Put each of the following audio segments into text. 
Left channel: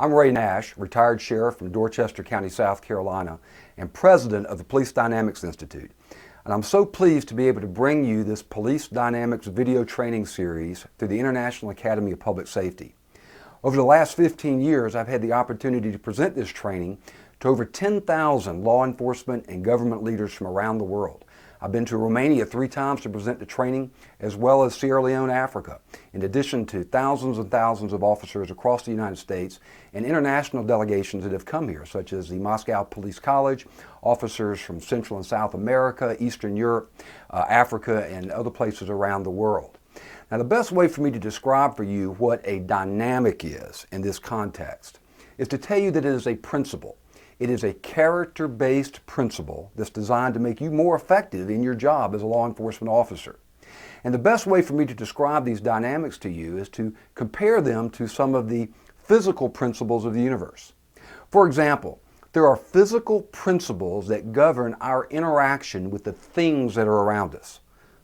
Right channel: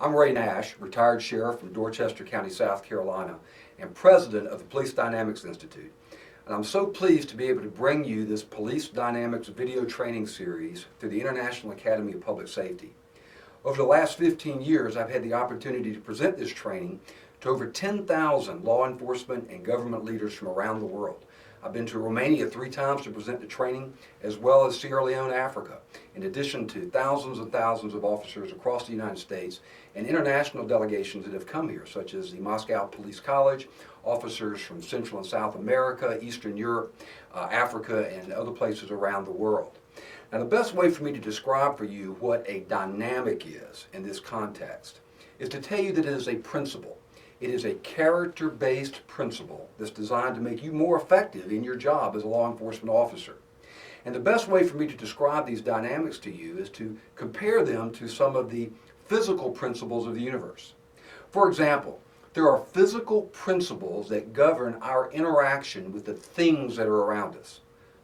I'm Ray Nash, retired sheriff from Dorchester County, South Carolina, and president of the Police Dynamics Institute. And I'm so pleased to be able to bring you this Police Dynamics video training series through the International Academy of Public Safety. Over the last 15 years, I've had the opportunity to present this training to over 10,000 law enforcement and government leaders from around the world. I've been to Romania 3 times to present the training, as well as Sierra Leone, Africa, in addition to thousands and thousands of officers across the United States and international delegations that have come here, such as the Moscow Police College, officers from Central and South America, Eastern Europe, Africa, and other places around the world. Now, the best way for me to describe for you what a dynamic is in this context is to tell you that it is a principle. It is a character-based principle that's designed to make you more effective in your job as a law enforcement officer. And the best way for me to describe these dynamics to you is to compare them to some of the physical principles of the universe. For example, there are physical principles that govern our interaction with the things that are around us.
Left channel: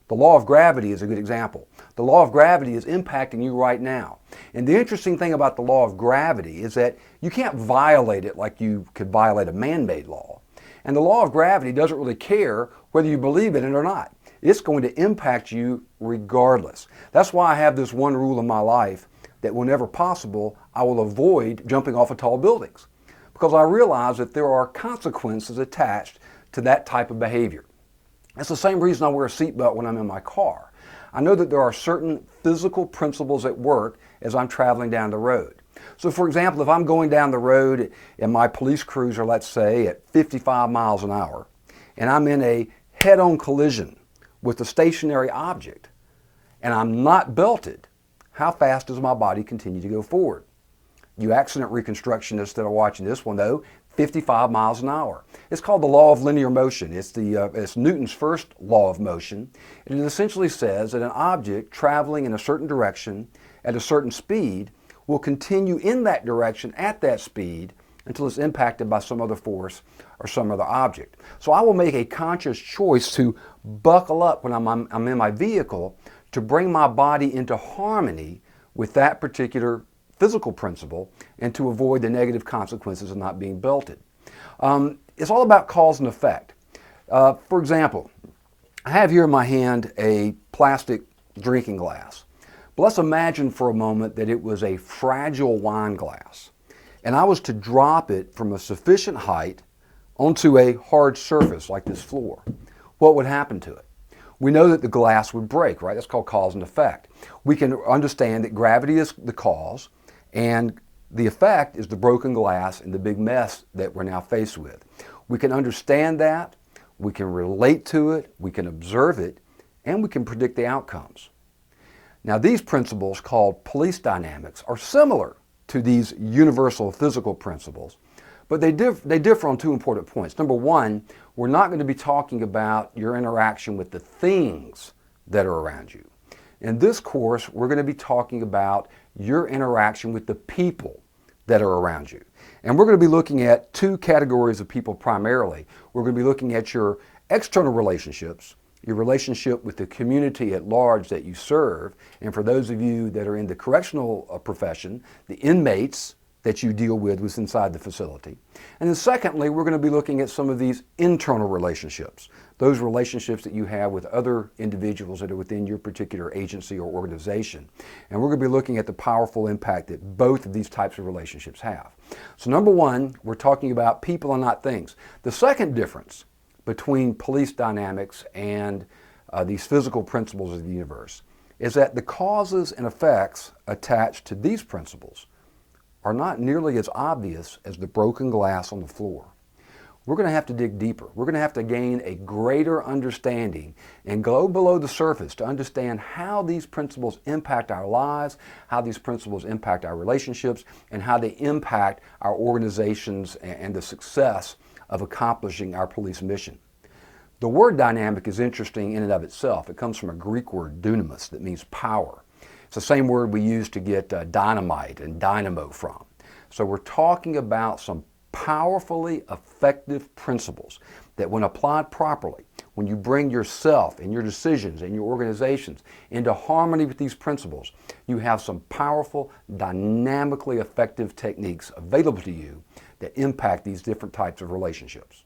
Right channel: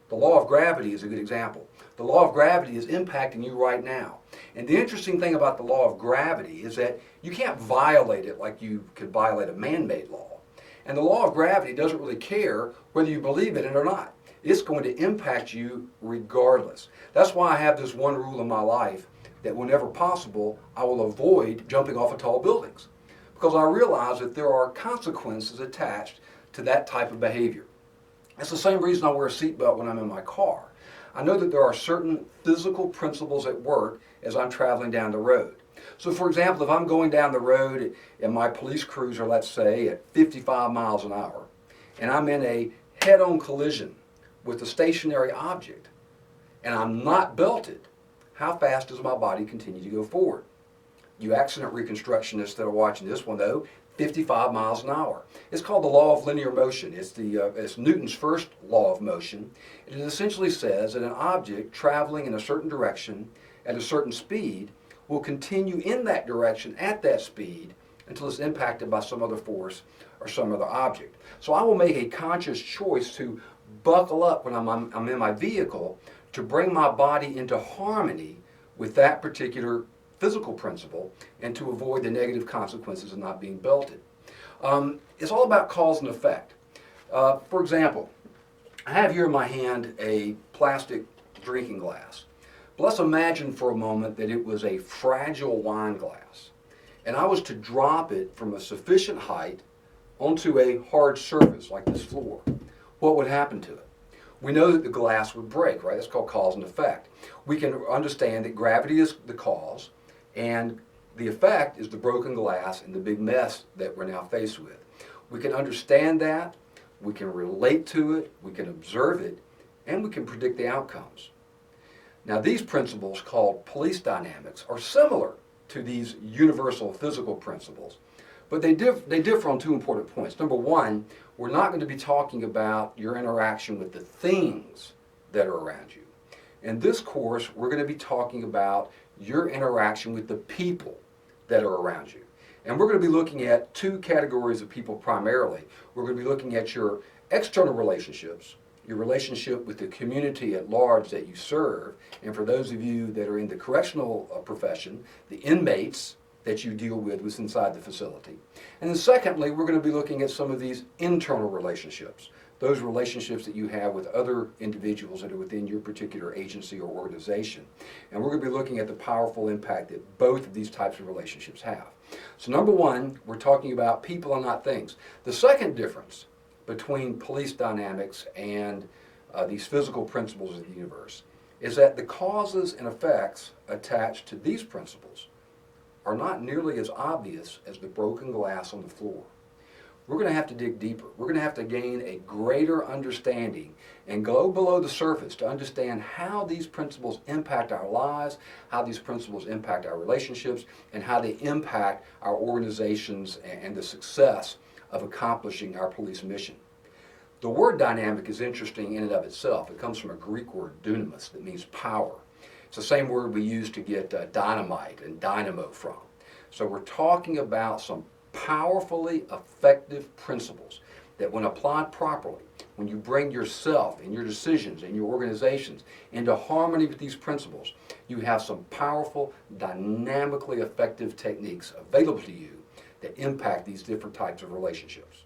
The law of gravity is a good example. The law of gravity is impacting you right now. And the interesting thing about the law of gravity is that you can't violate it like you could violate a man-made law. And the law of gravity doesn't really care whether you believe in it or not. It's going to impact you regardless. That's why I have this one rule in my life that whenever possible, I will avoid jumping off of tall buildings, because I realize that there are consequences attached to that type of behavior. That's the same reason I wear a seatbelt when I'm in my car. I know that there are certain physical principles at work as I'm traveling down the road. So for example, if I'm going down the road in my police cruiser, let's say at 55 miles an hour, and I'm in a head-on collision with a stationary object, and I'm not belted, how fast does my body continue to go forward? You accident reconstructionists that are watching this will know 55 miles an hour. It's called the law of linear motion. It's Newton's first law of motion. And it essentially says that an object traveling in a certain direction at a certain speed will continue in that direction at that speed until it's impacted by some other force or some other object. So I will make a conscious choice to buckle up when I'm in my vehicle to bring my body into harmony with that particular physical principle and to avoid the negative consequences of not being belted. It's all about cause and effect. For example, I have here in my hand a plastic drinking glass. But let's imagine for a moment that it was a fragile wine glass, and I was to drop it from a sufficient height onto a hard surface like this floor. What would happen to it? We know that the glass would break, right? That's called cause and effect. We can understand that gravity is the cause, and the effect is the broken glass and the big mess that we're now faced with. We can understand that, we can relate to it, we can observe it, and we can predict the outcomes. Now, these principles, called police dynamics, are similar to these universal physical principles, but they differ on 2 important points. Number one, we're not going to be talking about your interaction with the things that are around you. In this course, we're going to be talking about your interaction with the people that are around you. And we're going to be looking at 2 categories of people primarily. We're going to be looking at your external relationships, your relationship with the community at large that you serve, and for those of you that are in the correctional profession, the inmates that you deal with what's inside the facility. And then secondly, we're going to be looking at some of these internal relationships, those relationships that you have with other individuals that are within your particular agency or organization. And we're going to be looking at the powerful impact that both of these types of relationships have. So number one, we're talking about people and not things. The second difference between police dynamics and these physical principles of the universe is that the causes and effects attached to these principles are not nearly as obvious as the broken glass on the floor. We're going to have to dig deeper. We're going to have to gain a greater understanding and go below the surface to understand how these principles impact our lives, how these principles impact our relationships, and how they impact our organizations and the success of accomplishing our police mission. The word dynamic is interesting in and of itself. It comes from a Greek word, dunamis, that means power. It's the same word we use to get dynamite and dynamo from. So we're talking about some powerfully effective principles that when applied properly, when you bring yourself and your decisions and your organizations into harmony with these principles, you have some powerful, dynamically effective techniques available to you that impact these different types of relationships.